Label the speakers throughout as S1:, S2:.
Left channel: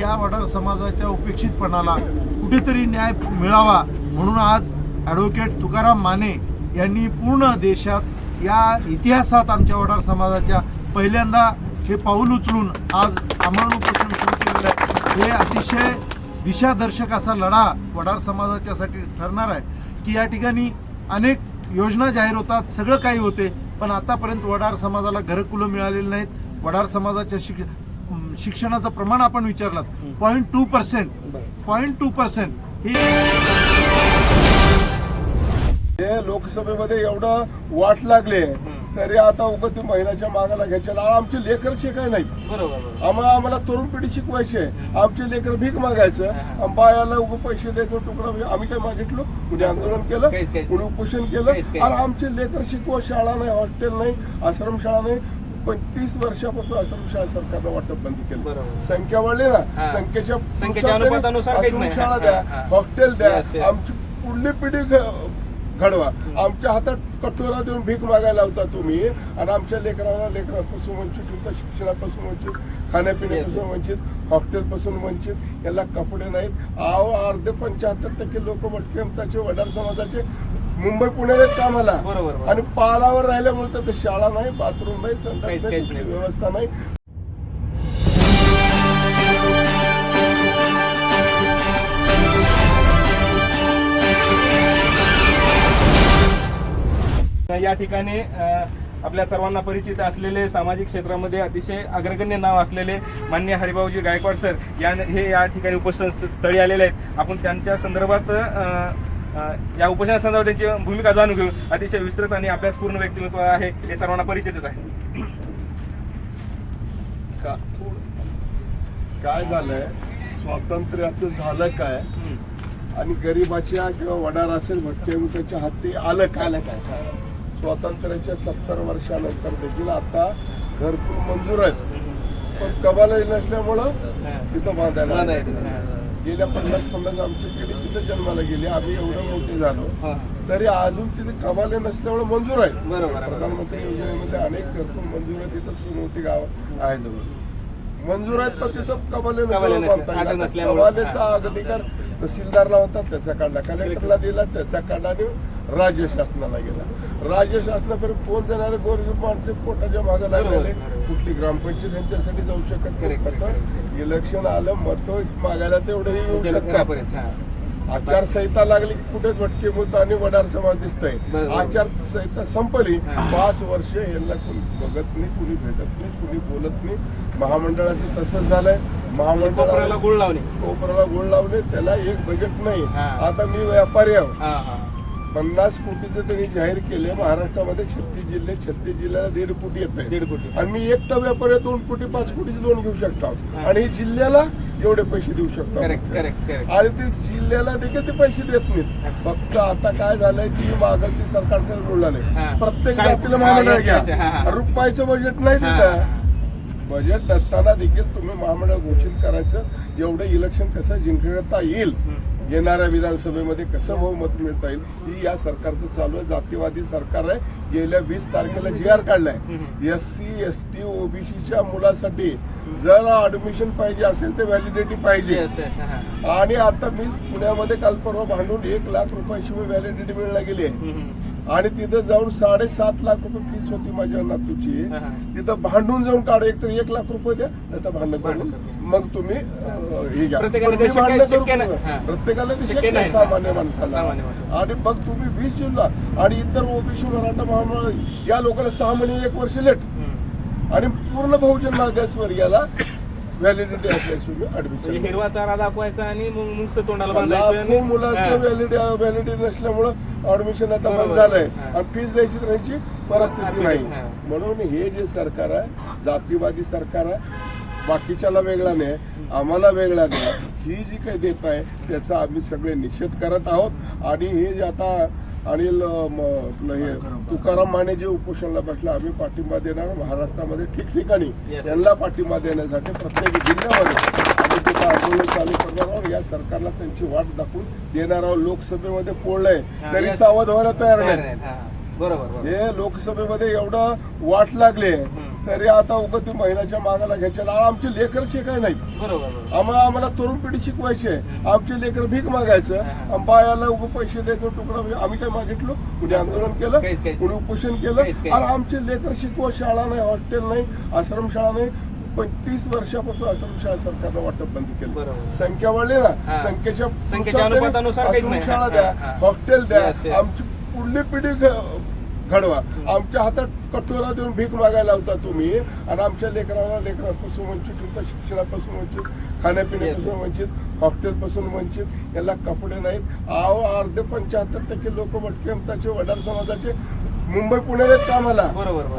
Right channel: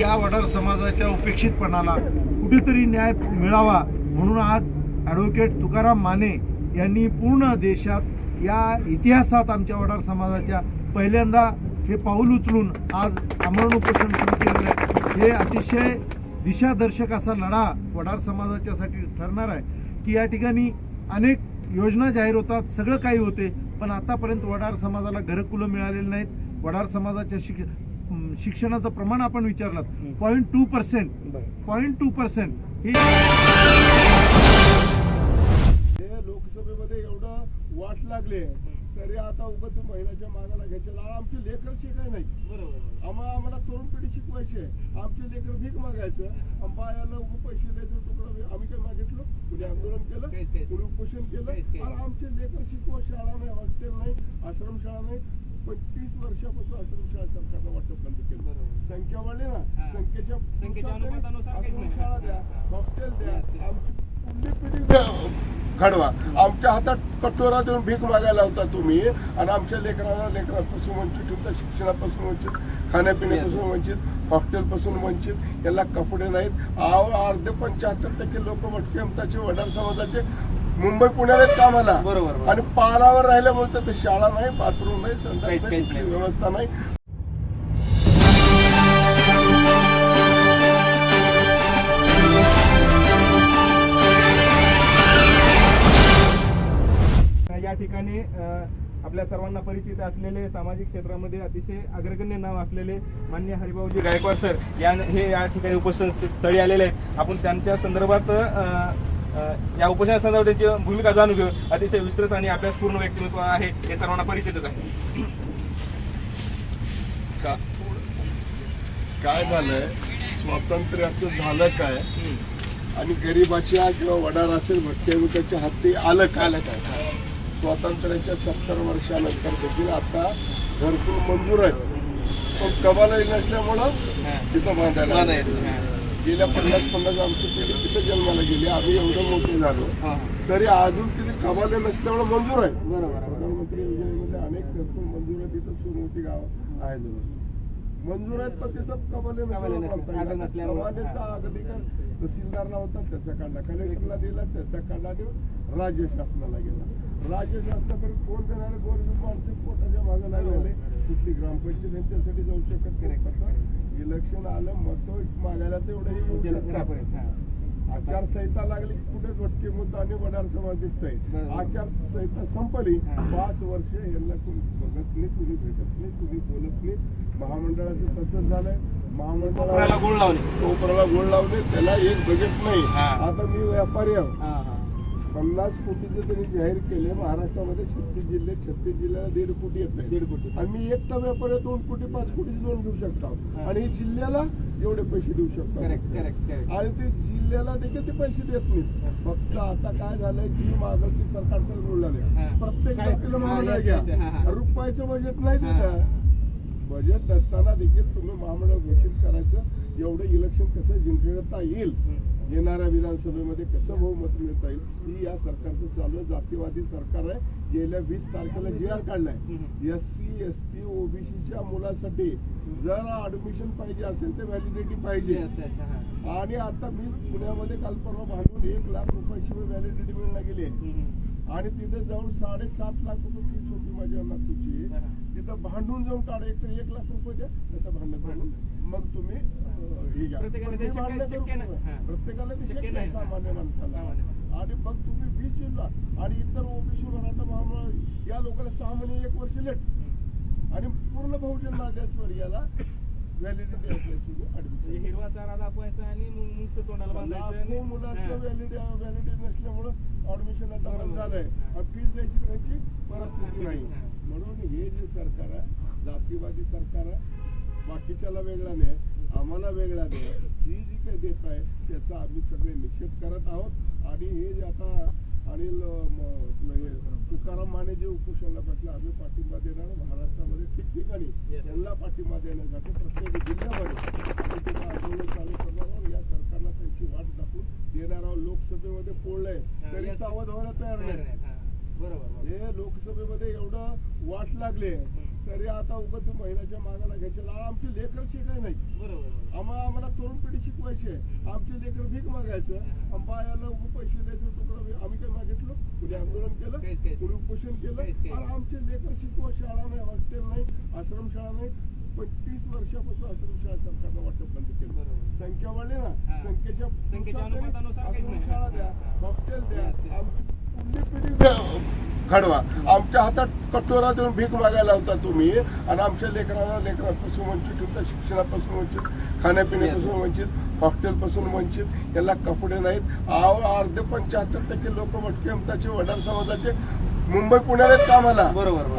S1: या वडार समाजाच्या उपेक्षितपणाला कुठेतरी न्याय मिळावा म्हणून आज ॲडव्होकेट तुकाराम माने यांनी पूर्ण देशात या इतिहासात आमच्या वडार समाजाच्या पहिल्यांदा हे पाऊल उचलून आज आमरण उपोषण सुरू केलेलं आहे. हे अतिशय दिशादर्शक असा लढा वडार समाजाच्यासाठी ठरणार आहे की या ठिकाणी अनेक योजना जाहीर होतात सगळं काही होते पण आतापर्यंत वडार समाजाला घरकुलं मिळालेली नाहीत. वडार समाजाच्या शिक्षण शिक्षणाचं प्रमाण आपण विचारलात point two percent point two percent ही
S2: लोकसभेमध्ये एवढं वाट लागले तरी आता उगत ते महिन्याच्या मागाला घ्यायचे. आमचे लेकर शिकाय नाहीत.
S3: बरोबर
S2: आम्हाला आम्हाला तरुण पिढी शिकवायचे आमचे लेकर भीक मागायचं. बायाला उग पैसे द्यायचं तुकडा आम्ही काय मागितलो? कुणी आंदोलन केलं? कुणी उपोषण केलं. आणि आमचे लेकर शिकवा शाळा नाही हॉस्टेल नाही आश्रमशाळा नाही. पंचवीस वर्षापासून आश्रमशाळा सरकारनं वाटप बंद केलं. संख्या वाढली ना. संख्येच्या. आश्रमशाळा द्या. हॉस्टेल द्या. आमची पुढली पिढी घडवा आमच्या हातात कटोरा देऊन भीक मागायला होता तुम्ही आणि आमच्या लेकरांना लेकरांपासून वंचित ठेवता शिक्षणापासून वंचित खाण्यापिण्यापासून वंचित हॉस्टेलपासून वंचित याला कपडे नाहीत आव अर्धे पंच्याहत्तर टक्के लोक वडार समाजाचे मुंबई पुण्याला आहेत कामाला
S3: बरोबर.
S2: आणि पालावर राहिल्यामुळे तर ते शाळा नाही बाथरूम नाही संडास
S3: काहीच-
S2: नाही
S3: काहीच
S2: कुठली
S3: नाही.
S2: व्यवस्था नाही
S3: या ठिकाणी अ, आपल्या सर्वांना परिचित असलेले सामाजिक क्षेत्रामध्ये अतिशय अग्रगण्य नाव असलेले मान्य हरिभाऊजी गायकवाड सर या हे या ठिकाणी उपोषण स्थळी आलेले आहेत आपण त्यांच्या संदर्भात अ, या उपोषणासंदर्भात त्यांची भूमिका जाणून घेऊ. अतिशय विस्तृत आणि अभ्यासपूर्ण व्यक्तिमत्व आहे हे सर्वांना परिचितच आहे.
S2: का काय झालंय? स्वातंत्र्याचं झालं काय? आणि गरिबाच्या किंवा वडार असेल भटक्या हाती आलं काय?
S3: आलं काय?
S2: स्वातंत्र्याच्या सत्तर वर्षानंतर देखील आता घरकुल मंजूर आहेत. पण कबाला नसल्यामुळं. तिथं बांधायला गेल्या पन्नास पन्नास आमची पिढी तिथं जन्माला गेली. आम्ही एवढं मोठे झालो. तरी अजून तिथे कबाले नसल्यामुळे मंजूर आहे
S3: बरोबर आहे,
S2: प्रधानमंत्री योजनेमध्ये अनेक घरकुल मंजूर आहे तिथं सुरुवाती गाव आहेत मंजूर आहेत पण तिथं कबाले
S3: कबाले
S2: नसल्यामुळे. कबालेचा अधिकार तहसीलदारला होता त्याचा काढला. कलेक्टरला दिला त्याचा काढला आणि राज्य शासनाला गेला. राज्य शासनापर्यंत कोण जाणारे गोरगरीब माणसे पोटाच्या मागे लागलेले
S3: बरोबर.
S2: कुठली ग्रामपंचायत यांच्यासाठी जाऊ शकत नाही. इलेक्शन आलं मत मागायला तेवढेही येऊ शकतात.
S3: हा.
S2: आचारसंहिता लागली की कुठेच भटके होत आणि वडार समाज दिसतंय. आचारसंहिता संपली. पाच वर्ष यांना कुणी बघत नाही कुणी भेटत नाही कुणी बोलत नाही महामंडळाचं तसंच झालंय महामंडळाला
S3: गुळ
S2: कोपराला गोड लावले त्याला एक बजेट नाही. आता मी व्यापारी आहोत. पन्नास कोटीचं त्यांनी जाहीर केले महाराष्ट्रामध्ये छत्तीस जिल्हे छत्तीस जिल्ह्याला दीड कोटी येत
S3: दीड कोटी.
S2: आणि मी एकटा व्यापारी आहे, दोन कोटी पाच कोटीचे लोन घेऊ शकतो.
S3: हा.
S2: आणि जिल्ह्याला एवढे पैसे देऊ शकतो. आणि ते जिल्ह्याला देखील ते पैसे देत नाहीत. फक्त आता काय झालंय जी मागं ती सरकारकडे रुळाले
S3: हा.
S2: प्रत्येक जातीला महामंडळ. घ्या. रुपयाचं बजेट नाही. तिथं. बजेट नसताना देखील तुम्ही महामंडळ घोषित करायचं एवढं इलेक्शन कसं जिंकता येईल? येणाऱ्या विधानसभेमध्ये कसं बहुमत मिळता येईल ही या सरकारचं चालू आहे. जातीवादी सरकार आहे. गेल्या वीस तारखेला जी आर काढलाय एस सी एस टी ओबीसीच्या मुलासाठी जर ऍडमिशन पाहिजे असेल तर व्हॅलिडिटी पाहिजे. आणि आता मी पुण्यामध्ये काल परवा भांडून एक लाख रुपयाशिवाय व्हॅलिडिटी मिळायला गेली आहे. आणि तिथं जाऊन साडेसात लाख रुपये फीस होती माझ्या नातूची. तिथं भांडून जाऊन काढ एक तर एक लाख रुपये द्या नाही तर भांडण करून. मग तुम्ही हे घ्या
S3: प्रत्येकाला
S2: भांडणं ते
S3: शक्य नाही.
S2: सामान्य माणसाला. आणि मग तुम्ही वीस जूनला आणि इतर ओबीसी मराठा महामंडळ या लोकांना सहा महिने एक वर्ष लेट. आणि पूर्ण बहुजन मागासवर्गीयाला व्हॅलिडिटी असल्याशिवाय
S3: म्हणजे
S2: ऍडमिशन
S3: हिरवा चारा दाखवायचा आणि मग नुसतं तोंडाला बांधायचं
S2: लाखो मुलाचं
S3: हा.
S2: व्हॅलिडी व्हॅलिडिटी नसल्यामुळं ऍडमिशन आता बंद
S3: बरोबर.
S2: झालंय
S3: हा.
S2: आणि फीस द्यायची तर ह्यांची परिस्थिती नाही
S3: हा.
S2: म्हणून हे जे सरकार आहे जातीवादी सरकार आहे बाकीच्याला वेगळा नाही आम्हाला वेगळा नाही ही जी काही देत आहे त्याचा आम्ही सगळे निषेध करत आहोत आणि हे जे आता अनिल तुकाराम माने जे उपोषणाला बसला आम्ही पाठिंबा देणार महाराष्ट्रामध्ये ठिकठिकाणी
S3: Yes.
S2: यांना पाठिंबा देण्यासाठी प्रत्येक जिल्ह्यामध्ये आम्ही तिथं आंदोलन चालू करणार आहोत या सरकारला त्यांची वाट दाखवून देणार आहोत लोकसभेमध्ये पोळलंय तरी. सावध व्हायला तयार नाही.
S3: बरोबर
S2: हे लोकसभेमध्ये एवढं वाट लागले. तरी आता उगत ते महिन्याच्या मागाला घ्यायचे आमचे लेकर शिकाय
S3: बरोबर
S2: आम्हाला आम्हाला तरुण पिढी शिकवायची आमचे लेकर भीक मागायचं. बायाला उगं पैसे द्यायचं तुकडा म्हणजे आम्ही काय मागितलो? कुणी आंदोलन केलं? कुणी उपोषण केलं. आणि आमचे लेकर शिकवा शाळा नाही हॉस्टेल नाही आश्रमशाळा नाही. पंचवीस वर्षापासून आश्रमशाळा सरकारनं वाटप बंद केलं. संख्या वाढली ना. संख्येच्या
S3: नाही. हा,
S2: द्या. हॉस्टेल द्या. आमची पुढली पिढी घडवा. आमच्या हातात कटोरा देऊन भीक मागायला होता तुम्ही. आणि आमच्या लेकरांना लेकरांपासून वंचित ठेवता शिक्षणापासून वंचित खाण्यापिण्यापासून वंचित हॉस्टेलपासून वंचित. याला कपडे नाहीत. आव अर्धे पंच्याहत्तर टक्के लोक भटके वडार समाजाचे मुंबई पुण्याला कामाला.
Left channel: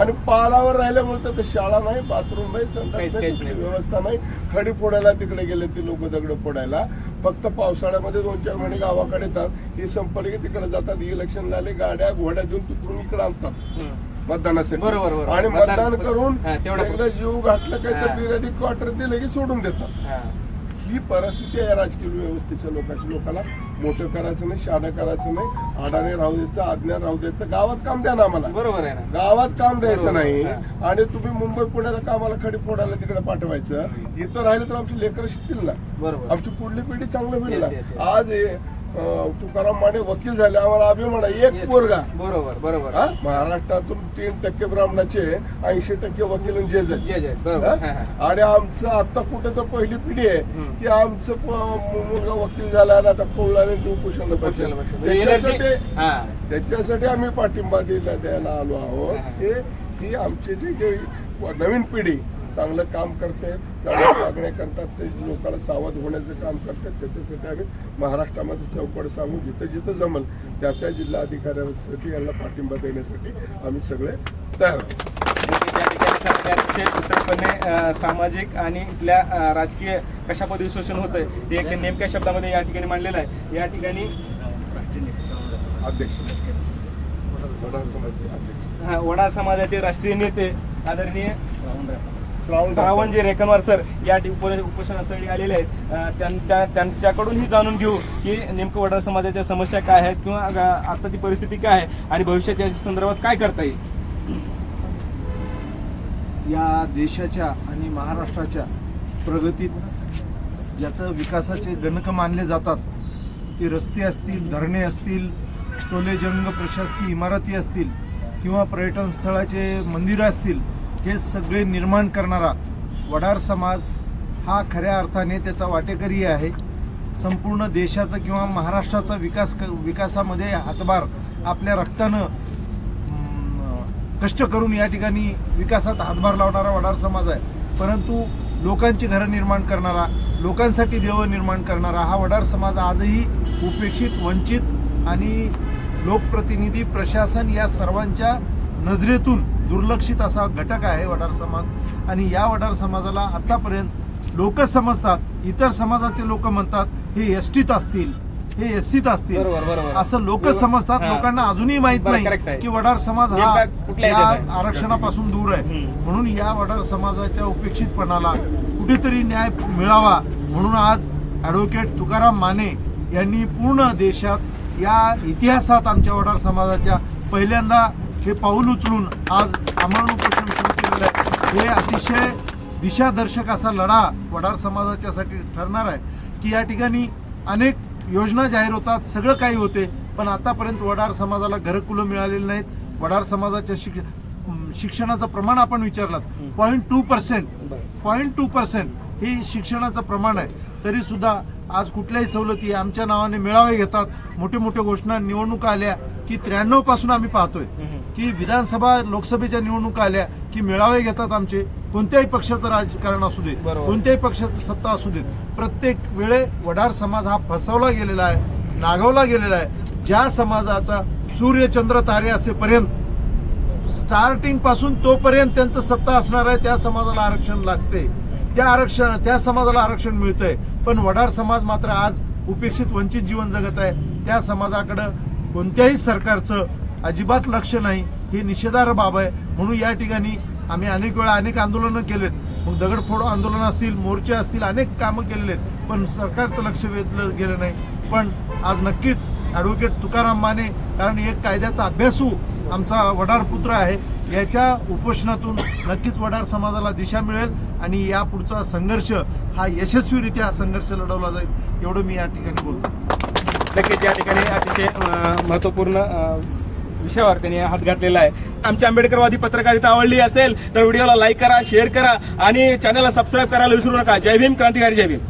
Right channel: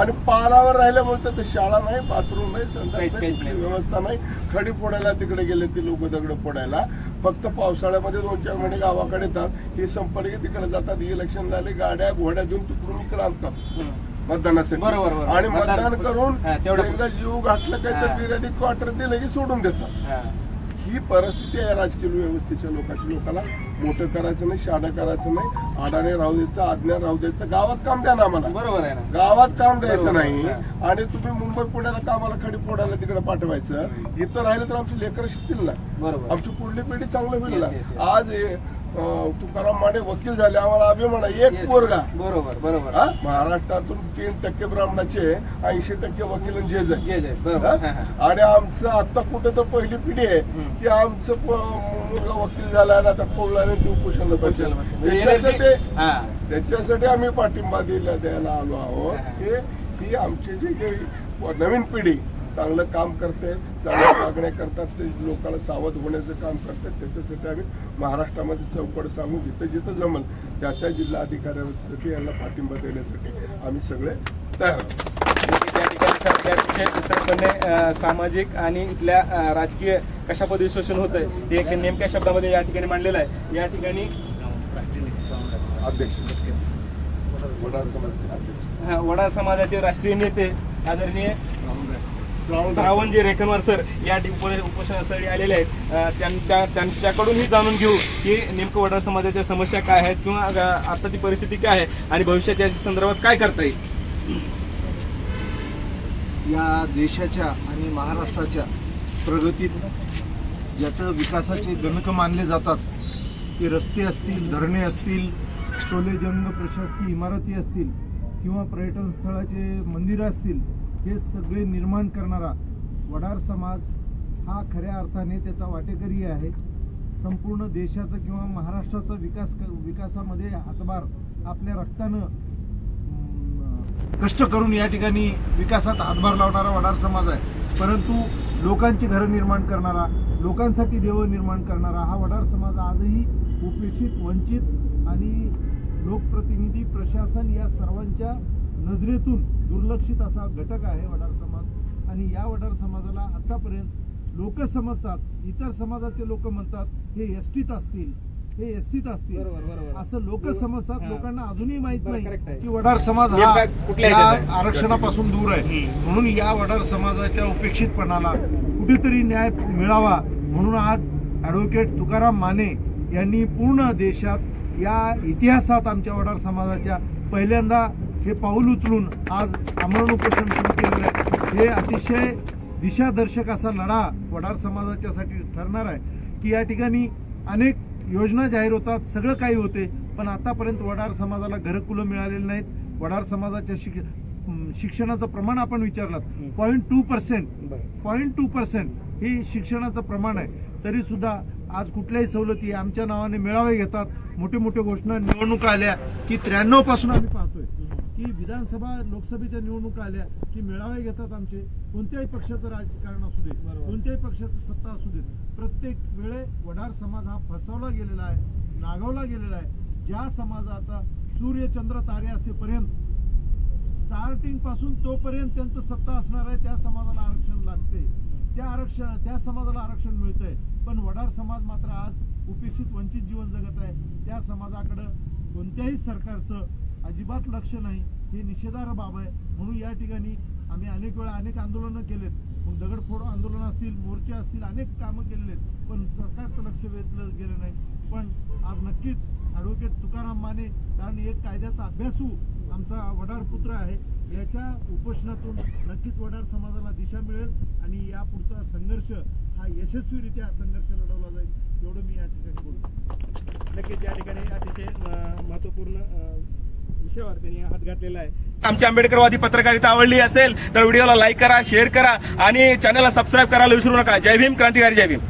S2: आणि पालावर राहिल्यामुळे तर शाळा नाही बाथरूम नाही नाही. व्यवस्था नाही. खडी फोडायला तिकडे गेले ते लोक दगड फोडायला. फक्त पावसाळ्यामध्ये दोन चार महिने गावाकडे येतात. ही संपर्क तिकडे जातात. इलेक्शन झाले गाड्या घोड्या देऊन तिकडून इकडे आणतात. मतदानासाठी.
S3: बरोबर, बरोबर.
S2: आणि
S3: मतदान-
S2: करून
S3: तेवढं
S2: जीव घातलं काय तर. बिर्याणी क्वार्टर दिलं की सोडून देतात.
S3: हा.
S2: परिस्थिती आहे राजकीय व्यवस्थेच्या लोकांची. लोकांना मोठं करायचं नाही शाणं करायचं नाही. आडाने राहू द्यायचं आज्ञा राहू द्यायचं गावात काम द्या ना आम्हाला.
S3: बरोबर आहे ना.
S2: गावात काम द्यायचं नाही. आणि तुम्ही मुंबई पुण्याला कामाला खडी फोडायला तिकडे पाठवायचं. इथं राहिलं तर आमची लेकरं शिकतील ना.
S3: बरोबर.
S2: आमची पुढली पिढी चांगलं होईल ना. आज तुकाराम माने वकील झाले आम्हाला अभिमान आहे एक. पोरगा
S3: बरोबर बरोबर
S2: हा? महाराष्ट्रातून तीन टक्के ब्राह्मणाचे ऐंशी टक्के वकील जज.
S3: जे.
S2: आणि आमचं आता कुठं तर पहिली पिढी आहे. की आमचं मुलगा वकील झाला आणि आता पळला ते उपोषण त्याच्यासाठी. त्याच्यासाठी आम्ही पाठिंबा दिला द्यायला आलो आहोत
S3: हा.
S2: हे आमची जी जे नवीन पिढी चांगलं काम करते चांगलं मागण्या करतात ते लोकांना सावध होण्याचं काम करतात. त्याच्यासाठी आम्ही महाराष्ट्रामध्ये चौकड सांगू जिथं जिथं जमल त्या त्या जिल्हाधिकाऱ्यांसाठी यांना पाठिंबा देण्यासाठी आम्ही सगळे तयार आहोत.
S3: त्या ठिकाणी खरं ते अतिशय विस्तृतपणे अ, सामाजिक आणि इथल्या राजकीय कशा पद्धती शोषण होत आहे ते एक नेमक्या शब्दामध्ये या ठिकाणी मांडलेलं आहे. या ठिकाणी
S2: अध्यक्ष. वडार समाजाचे
S3: राष्ट्रीय नेते आदरणीय श्रावणजी रेखनवार सर या ठिक- उपोषणास्थळी आलेले आहेत त्यांच्या त्यांच्याकडूनही जाणून घेऊ की नेमकं वडार समाजाच्या समस्या काय आहेत किंवा आताची परिस्थिती काय आहे आणि भविष्यात याच्या संदर्भात काय करता येईल?
S1: या देशाच्या आणि महाराष्ट्राच्या प्रगतीत ज्याचं विकासाचे गणक मानले जातात ते रस्ते असतील धरणे असतील टोलेजंग प्रशासकीय इमारती असतील किंवा पर्यटन स्थळाचे मंदिरं असतील हे सगळे निर्माण करणारा वडार समाज हा खऱ्या अर्थाने त्याचा वाटेकरी आहे. संपूर्ण देशाचा किंवा महाराष्ट्राचा विकास क- विकासामध्ये हातभार आपल्या रक्तानं कष्ट करून या ठिकाणी विकासात हातभार लावणारा वडार समाज आहे. परंतु लोकांची घरं निर्माण करणारा लोकांसाठी देव निर्माण करणारा हा वडार समाज आजही उपेक्षित वंचित आणि लोकप्रतिनिधी प्रशासन या सर्वांच्या नजरेतून दुर्लक्षित असा घटक आहे वडार समाज आणि या वडार समाजाला आतापर्यंत लोक समजतात इतर समाजाचे लोक म्हणतात हे एस टीत असतील हे एस सीत असतील. असं लोक समजतात. लोकांना अजूनही माहीत नाही. की वडार समाज
S3: हे
S1: या? आरक्षणापासून दूर आहे. म्हणून या वडार समाजाच्या उपेक्षितपणाला कुठेतरी न्याय मिळावा म्हणून आज ॲडव्होकेट तुकाराम माने यांनी पूर्ण देशात या इतिहासात आमच्या वडार समाजाच्या पहिल्यांदा हे पाऊल उचलून आज आमरण उपोषण सुरू केलेलं आहे. हे अतिशय दिशादर्शक असा लढा वडार समाजाच्यासाठी ठरणार आहे की या ठिकाणी अनेक योजना जाहीर होतात सगळं काही होते पण आतापर्यंत वडार समाजाला घरकुलं मिळालेली नाहीत. वडार समाजाच्या शिक्ष शिक्षणाचं प्रमाण आपण विचारलात. Point two percent. Point two percent हे शिक्षणाचं प्रमाण आहे. तरी सुद्धा आज कुठल्याही सवलती आमच्या नावाने मेळावे घेतात. मोठे मोठे घोषणा निवडणुका आल्या की त्र्याण्णवपासून आम्ही पाहतोय. की विधानसभा लोकसभेच्या निवडणुका आल्या की मेळावे घेतात आमचे कोणत्याही पक्षाचं राजकारण असू दे. कोणत्याही पक्षाचं सत्ता असू देत. प्रत्येक वेळे वडार समाज हा फसवला गेलेला आहे नागवला गेलेला आहे. ज्या समाजाचा सूर्य चंद्र तारे असेपर्यंत स्टार्टिंगपासून तोपर्यंत त्यांचं सत्ता असणार आहे त्या समाजाला आरक्षण लागते त्या आरक्षण त्या समाजाला आरक्षण मिळतंय. पण वडार समाज मात्र आज उपेक्षित वंचित जीवन जगत आहे. त्या समाजाकडं कोणत्याही सरकारचं अजिबात लक्ष नाही. ही निषेधार्ह बाब आहे. म्हणून या ठिकाणी आम्ही अनेक वेळा अनेक आंदोलनं केलेत. मग दगडफोड आंदोलन असतील मोर्चे असतील अनेक कामं केलेले आहेत. पण सरकारचं लक्ष वेधलं गेलं नाही. पण आज नक्कीच ॲडव्होकेट तुकाराम माने कारण एक कायद्याचा अभ्यासू आमचा वडार पुत्र आहे याच्या उपोषणातून नक्कीच वडार समाजाला दिशा मिळेल आणि या पुढचा संघर्ष हा यशस्वीरित्या संघर्ष लढवला जाईल. एवढं मी या ठिकाणी बोलतो.
S3: नक्कीच या ठिकाणी अतिशय महत्त्वपूर्ण विषयावर त्यांनी हात घातलेला आहे. आमची आंबेडकरवादी पत्रकारिता आवडली असेल तर व्हिडिओला लाईक करा शेअर करा आणि चॅनलला सबस्क्राईब करायला विसरू नका. जय भीम क्रांतिकारी जय भीम.